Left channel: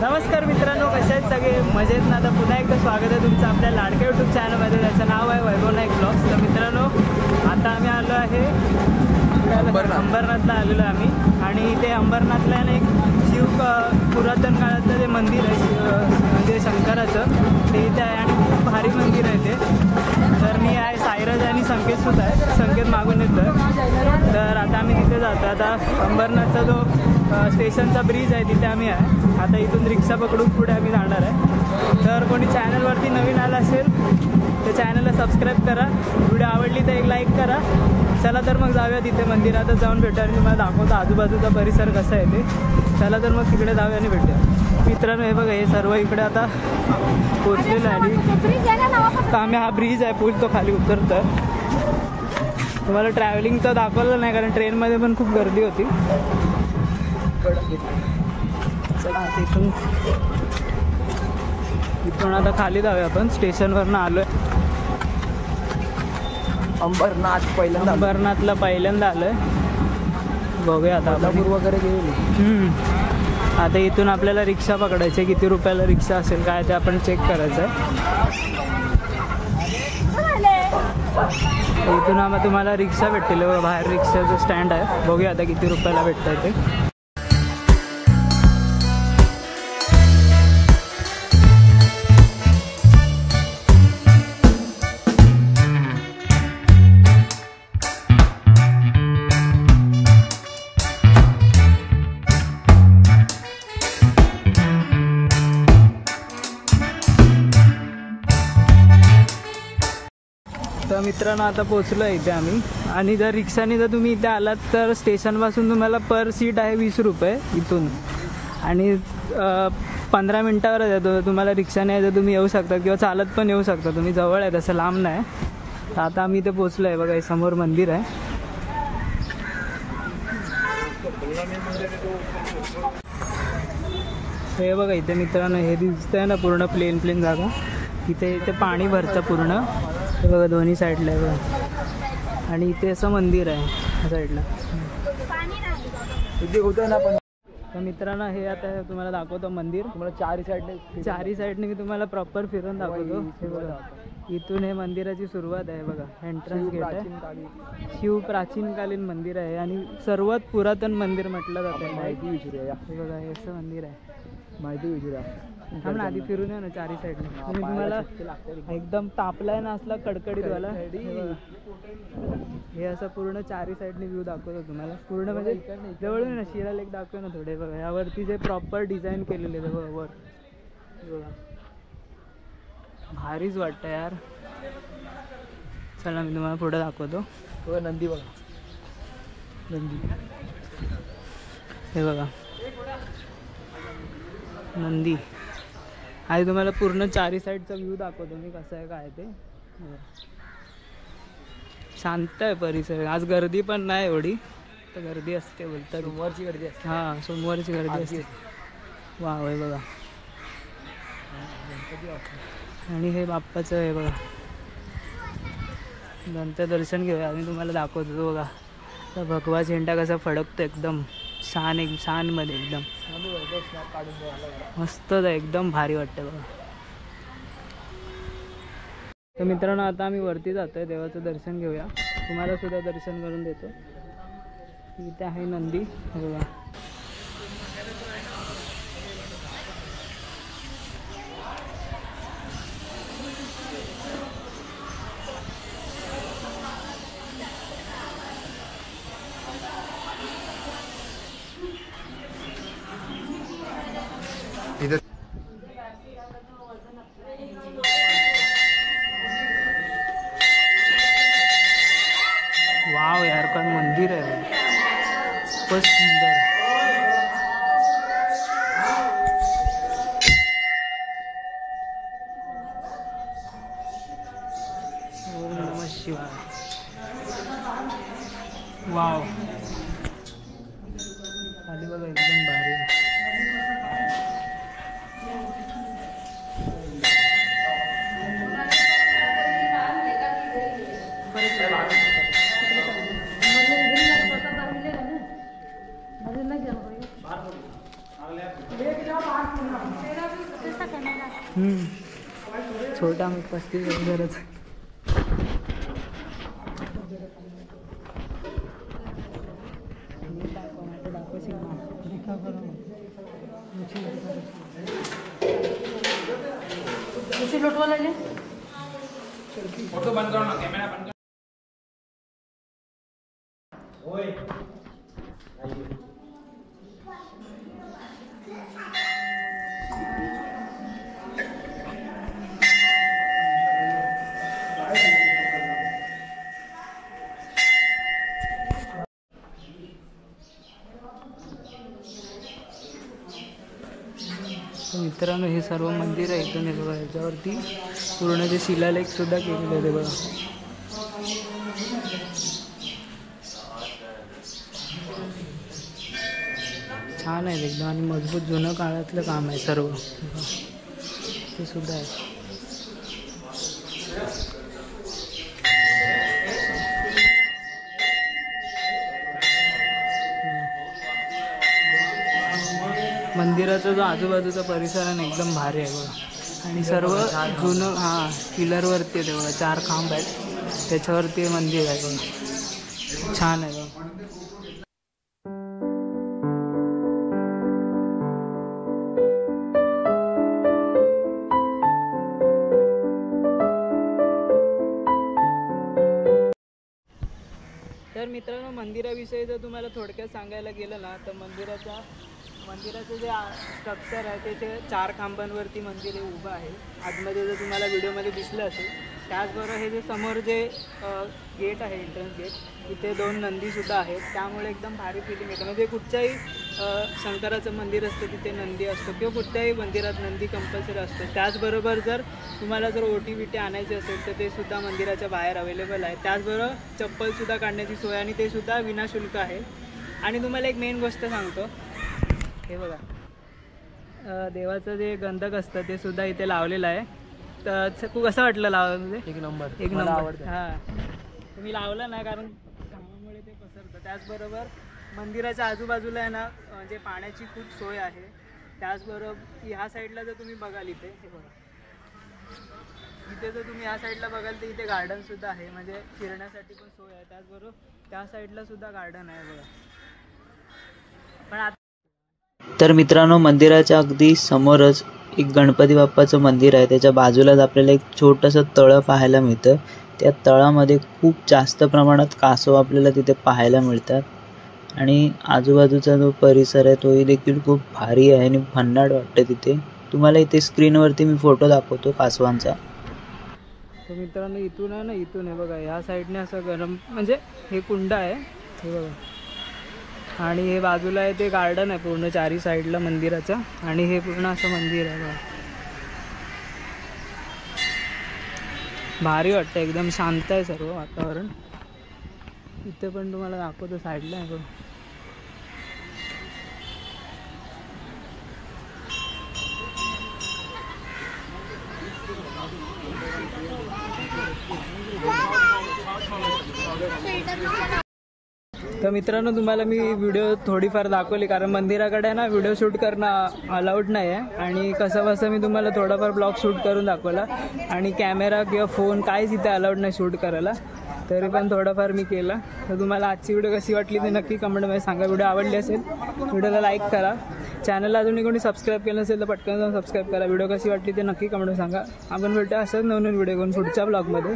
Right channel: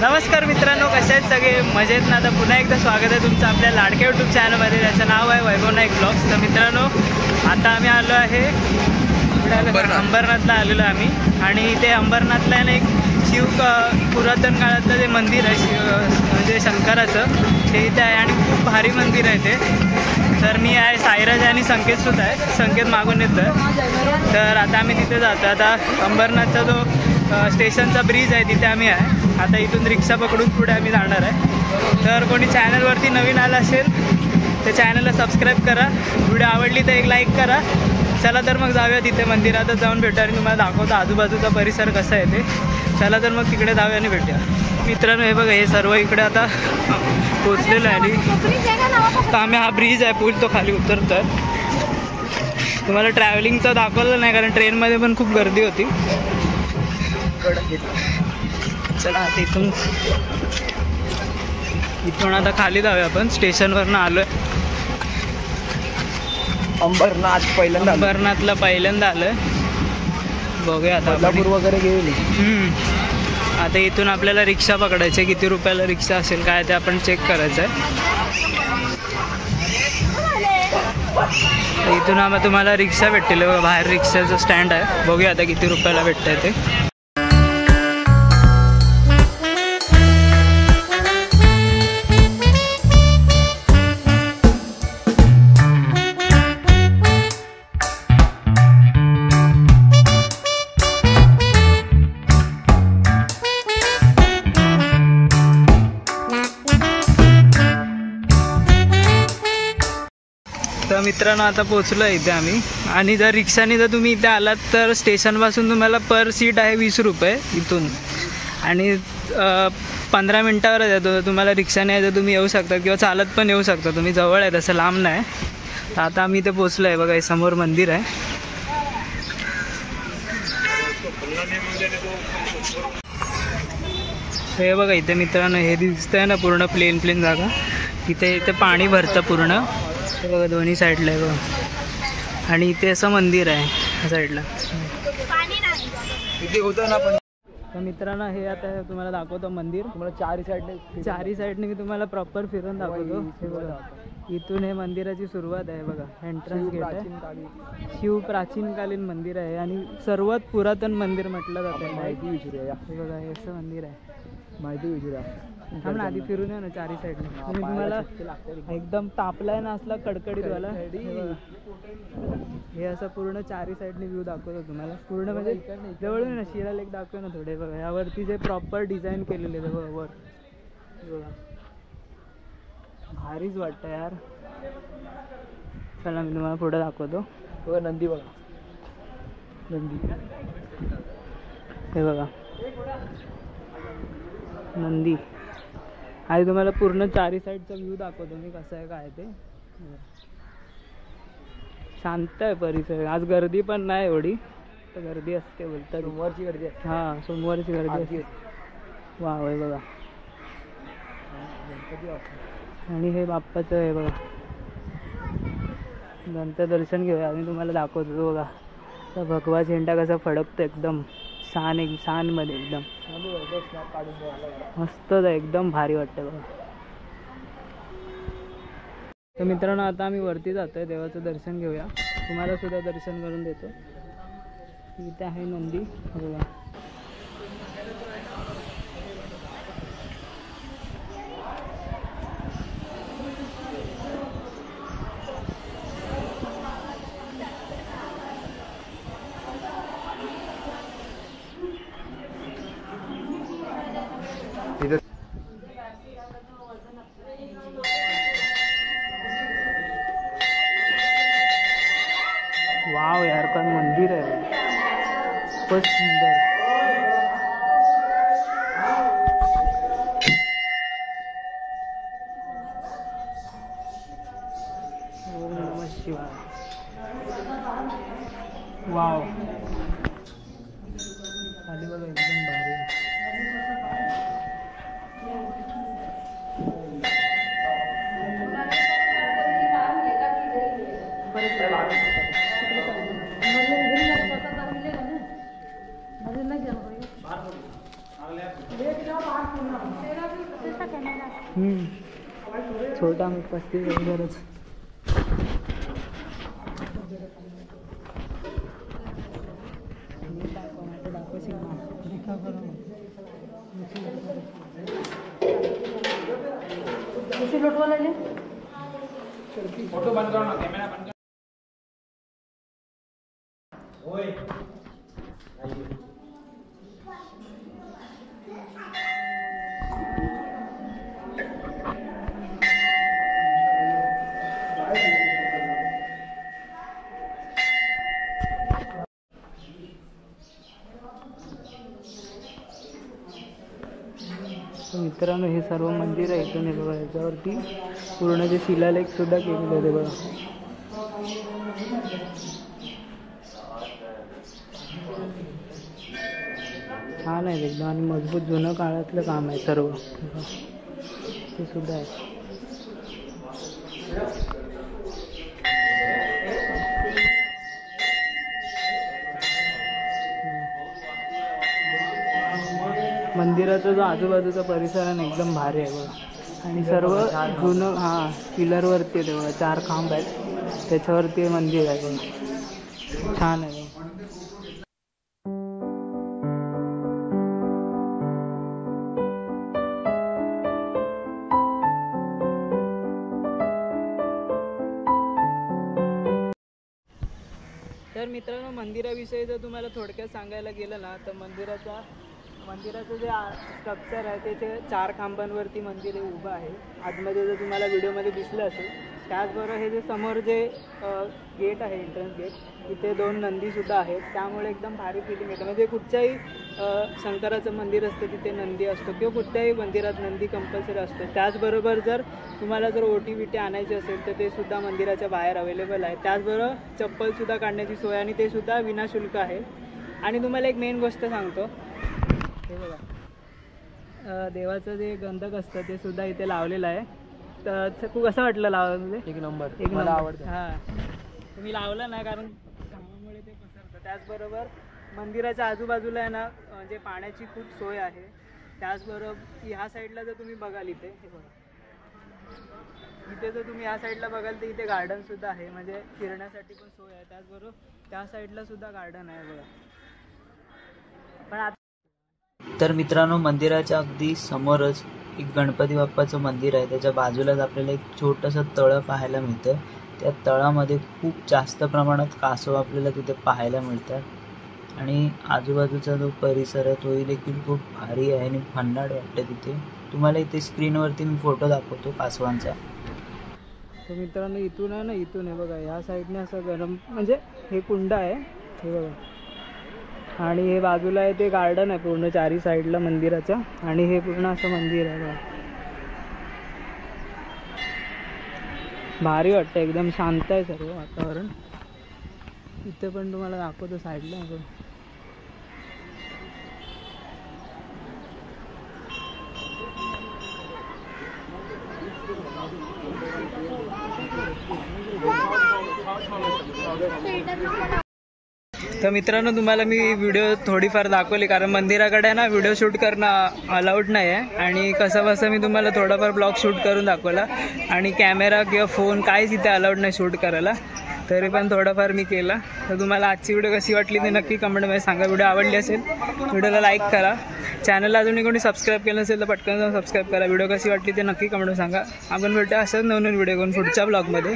नमस्कार मित्रांनो, कसे आहेत सगळे? मजेत ना? आता पुन्हा एकदा स्वागत आहे तुमचं आपल्या लाडक्या यूट्यूब चॅनलमध्ये, ज्याचं नाव आहे वैभव नाईक ब्लॉग्स. तर मित्रांनो, आता आम्ही आलो आहे अंबरनाथला आलेलो आहे आम्ही. आणि इथे अंबरनाथला ना एक पुरातन काळातलं जे मंदिर आहे म्हणजे शंकराचं, ते इथे आहे आणि खूप भारी मंदिर आहे ते. तर मी आहे, साईराज आणि संकेतसुद्धा आहे, संकेत मागून येतं. तर आता आम्ही तिथे जातो. आता अंबरनाथचा जो स्टेशनचा ब्रिज आहे तिथे आम्ही आहे. आता इथून रिक्षा पकडून पुढे आम्ही जाणार आहे. तर कोणी चॅनलवरती नवीन आला असेल तर चॅनलला सबस्क्राईब करा, व्हिडिओ आवडली तर एक लाईक करा. चला तर मग जाऊया तिथे मंदिरातच जाऊन भेटूया आणि तुम्हाला दाखवतो आजूबाजूचा परिसर कसा आहे ते. चला तर मग तिकडे जाऊया आणि भेटूया. मित्रांनो, हे बघा, हे सर्व इकडे आता पोचलेलं आहे. आणि तर आम्ही हा ब्रिज आहे, पूल तो खाली उतरतो आहे. तुम्हाला ट्रॅव्हलिंगचं दाखवलं नाही कारण ट्रेनमध्ये पण खूप गर्दी होती. चला आता इथून आता खाली जाऊया आपण. स्टेशनवरनं आलो आहे. अंबरनाथला पहिल्यांदा आलो आहे. बघूया आता आपण वगैरे गेली. आता इथून आपल्याला रिक्षा पकडायची. किती रुपयाला रिक्षा असेल काय ते आपण चेक करायचं आहे. इथून आम्हाला तुम्हाला रिक्षा भेटतील. बाहेर रिक्षाचं स्टँड आहे. बघूया आता किती रुपयाला भेटतं आहे ते. तर मित्रांनो, आता पोचलो आहे इथे आम्ही. आणि जर रिक्षाने जर तुम्ही इथे आलात तर स्टेशनपासून तुम्हाला पर सीट आहे 20 रुपये इथून. आणि 15 मिनटावरच येतो. तुम्हाला रिक्षाने यायचं तुम्ही येऊ शकता किंवा चालत पण येऊ शकता तुम्ही. जवळ आहे, तसं लांब नाही. तर आता आम्ही इथे पोचलो आहे. बघा, हे समोर मंदिर आहे. हे बघा इथे मित्रांनो, हे दिसतंय ना पूर्ण प्लेन जागा. इथे पाणी भरतं पूर्ण. हे बघा दोन्ही साईडला आहे बघा. आणि इथे असं मंदिर आहे ह्या साईडला. इथे होतं ना पण. तर मित्रांनो, हे आता तुम्हाला दाखवतो मंदिर. तुम्हाला चारी साईडने मी तुम्हाला प्रॉपर फिरून दाखवतो. हे बघा, इथून हे मंदिराची सुरुवात आहे. बघा, एंट्रन्स गेट आहे. शिव प्राचीनकालीन मंदिर आहे आणि सर्वात पुरातन मंदिर म्हटलं जातं. माहिती विचारूया. हे बघा, हे असं मंदिर आहे. माहिती विचारूया. थांब ना, आधी फिरून या ना चारी साईडने. म्हणजे तुम्हाला एकदम तापलाय ना असला कडकडीतवाला. हे असं पूर्ण चारी साईडने व्ह्यू दाखवतो तुम्हाला पूर्ण. म्हणजे जवळून ना शिरा लेक दाखव ना थोडे. बघा, यावरती जे प्रॉपर डिझाईन केलेले आहे बघा वर. बघा, भारीच वाटतं यार. चला मी तुम्हाला पुढे दाखवतो. बघा नंदी, बघा नंदी. हे बघा नंदी. आणि तुम्हाला पूर्ण चारी साईडचा व्ह्यू दाखवतो मी कसा आहे काय ते. शांत आहे परिसर. आज गर्दी पण नाही एवढी. तर गर्दी असते बोलतात. सोमवारची गर्दी असते. हां, सोमवारची गर्दी असते. वा, हे बघा. आणि हे बाप्पाचं आहे बघा. नंतर दर्शन घेऊया. आम्ही तुम्हाला दाखवतो. बघा, तर भगवा झेंडा कसा फडकतो एकदम शानमध्ये एकदम मस्त आहे. एकदम भारी वाटतं बघा. तर मित्रांनो, आता आम्ही वरती जातो आहे. देवाचं दर्शन घेऊया. तुम्हाला सुद्धा दर्शन करून देतो. इथे आहे नंदी बघा. वाव यार, काय मंदिर आहे. खूपच सुंदर. ओम नमः शिवाय. वाव, खाली बघा एकदम भारी. छोटा मीठ 35 गरज फोटो बंद करो ना, कैमरा बंद करो। ओए मित्रांनो हे सर्व मंदिर आहे इथून हे बघा, याच्यावरती पूर्ण जे शिलालेख सुद्धा केलेले आहे बघा. छान आहे एकदम आणि मजबूत जुनं काळातलं काम आहे सर्व ते सुद्धा आहे. मंदिराचा जो आजूबाजूचा परिसर आहे ना एकदम भारी आहे बघा आणि सर्व जुनं पिलरवरती आहे बघा, 4 खांब आहेत त्याच्यावरती मंदिर आहे बघा, छान आहे बघा. तर मित्रांनो मंदिराविषयी जर तुम्हाला थोडक्यात सांगायला गेलं ना तर मंदिराचं जे स्ट्रक्चर आहे ते 4 खांबांवरती मंदिर हे उभं आहे. आतमध्ये जर तुम्हाला व्हिडिओमध्ये दिसलं असेल, त्याचबरोबर हे जे समोर जे गेट आहे एंट्रन्स गेट, इथे 2 नंदीसुद्धा आहेत, त्यामुळे एकदम भारी फिलिंग येतं. म्हणजे कुठच्याही शंकराचं मंदिर असतं तिथे नंदी असतो किंवा कुठल्याही मंदिरात नंदी कंपल्सरी असतो. त्याचबरोबर जर तुम्हाला जर ओटी बिटी आणायची असेल तर ते सुद्धा मंदिराच्या बाहेर अवेलेबल आहे. त्याचबरोबर चप्पलसुद्धा काढण्याची सोय आणि ते सुद्धा विनाशुल्क आहे. आणि तुम्हाला एक मेन गोष्ट सांगतो, हे बघा देवाचं जे गंधक असतं ते सुद्धा इथे लावलेलं आहे. तर खूप कसं वाटलं लावलं? एक नंबर मला आवडतं. हां तुम्ही लावलं ना, कारण कामामुळे ते पसरतं. त्याचबरोबर मंदिराच्या आजूबाजूला आहे ना म्हणजे पाण्याची खूप सोय आहे. त्याचबरोबर ह्या साईडला जर तुम्ही बघाल इथे हे बघा, इथे जर तुम्ही ह्या साईडला बघाल तर इथे गार्डनसुद्धा आहे, म्हणजे फिरण्यासाठी पण सोय आहे. त्याचबरोबर त्या साईडला सुद्धा गार्डन आहे बघा. पण आता तर मित्रांनो मंदिराच्या अगदी समोरच एक गणपती बाप्पाचं मंदिर आहे. त्याच्या बाजूलाच आपल्याला एक छोटंसं तळं पाहायला मिळतं. त्या तळामध्ये खूप जास्त प्रमाणात कासव आपल्याला तिथे पाहायला मिळतात आणि आजूबाजूचा जो परिसर आहे तोही देखील खूप भारी आहे आणि भन्नाट वाटतं तिथे. तुम्हाला इथे स्क्रीनवरती मी फोटो दाखवतो कासवांचा. तर मित्रांनो इथून आहे ना, इथून आहे बघा ह्या साईडने असं गरम म्हणजे हे कुंड आहे हे बघा, आणि हे बाजूला आहे ते गार्डन आहे पूर्ण 4ही साईडला मंदिराचं, आणि हे पूर्ण असं मंदिर आहे बघा. भारी वाटतं, एकदम शांत आहे सर्व वातावरण. इथे पण तुम्हाला दाखवतो साईडला आहे बघा. तर मित्रांनो तुम्हाला मी व्हिडिओ थोडीफार दाखवली, कारण मंदिराकडे ना व्हिडिओ शूट करणं अलाउड नाही आहे. आणि कसं मी तुम्हाला थोडाफार ब्लॉग शूट करून दाखवला, आणि कॅमेरा किंवा फोन काहीच इथे अलाउड नाही शूट करायला, तरी पण थोडाफार मी केला. तर तुम्हाला आजची व्हिडिओ कशी वाटली ते नक्की कमेंटमध्ये सांगा. व्हिडिओ आवडली असेल व्हिडिओला लाईक करा. चॅनलला अजूनही कोणी सबस्क्राईब केलं नसेल तर पटकन जाऊन सबस्क्राईब करा. व्हिडिओ कशी वाटली ते नक्की कमेंटमध्ये सांगा. आपण भेटूया अशाच नवीन व्हिडिओ घेऊन पुढच्या ब्लॉगमध्ये.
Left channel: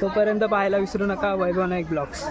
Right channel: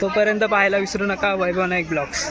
तोपर्यंत पाहायला विसरू नका वैभव नाईक ब्लॉग्स.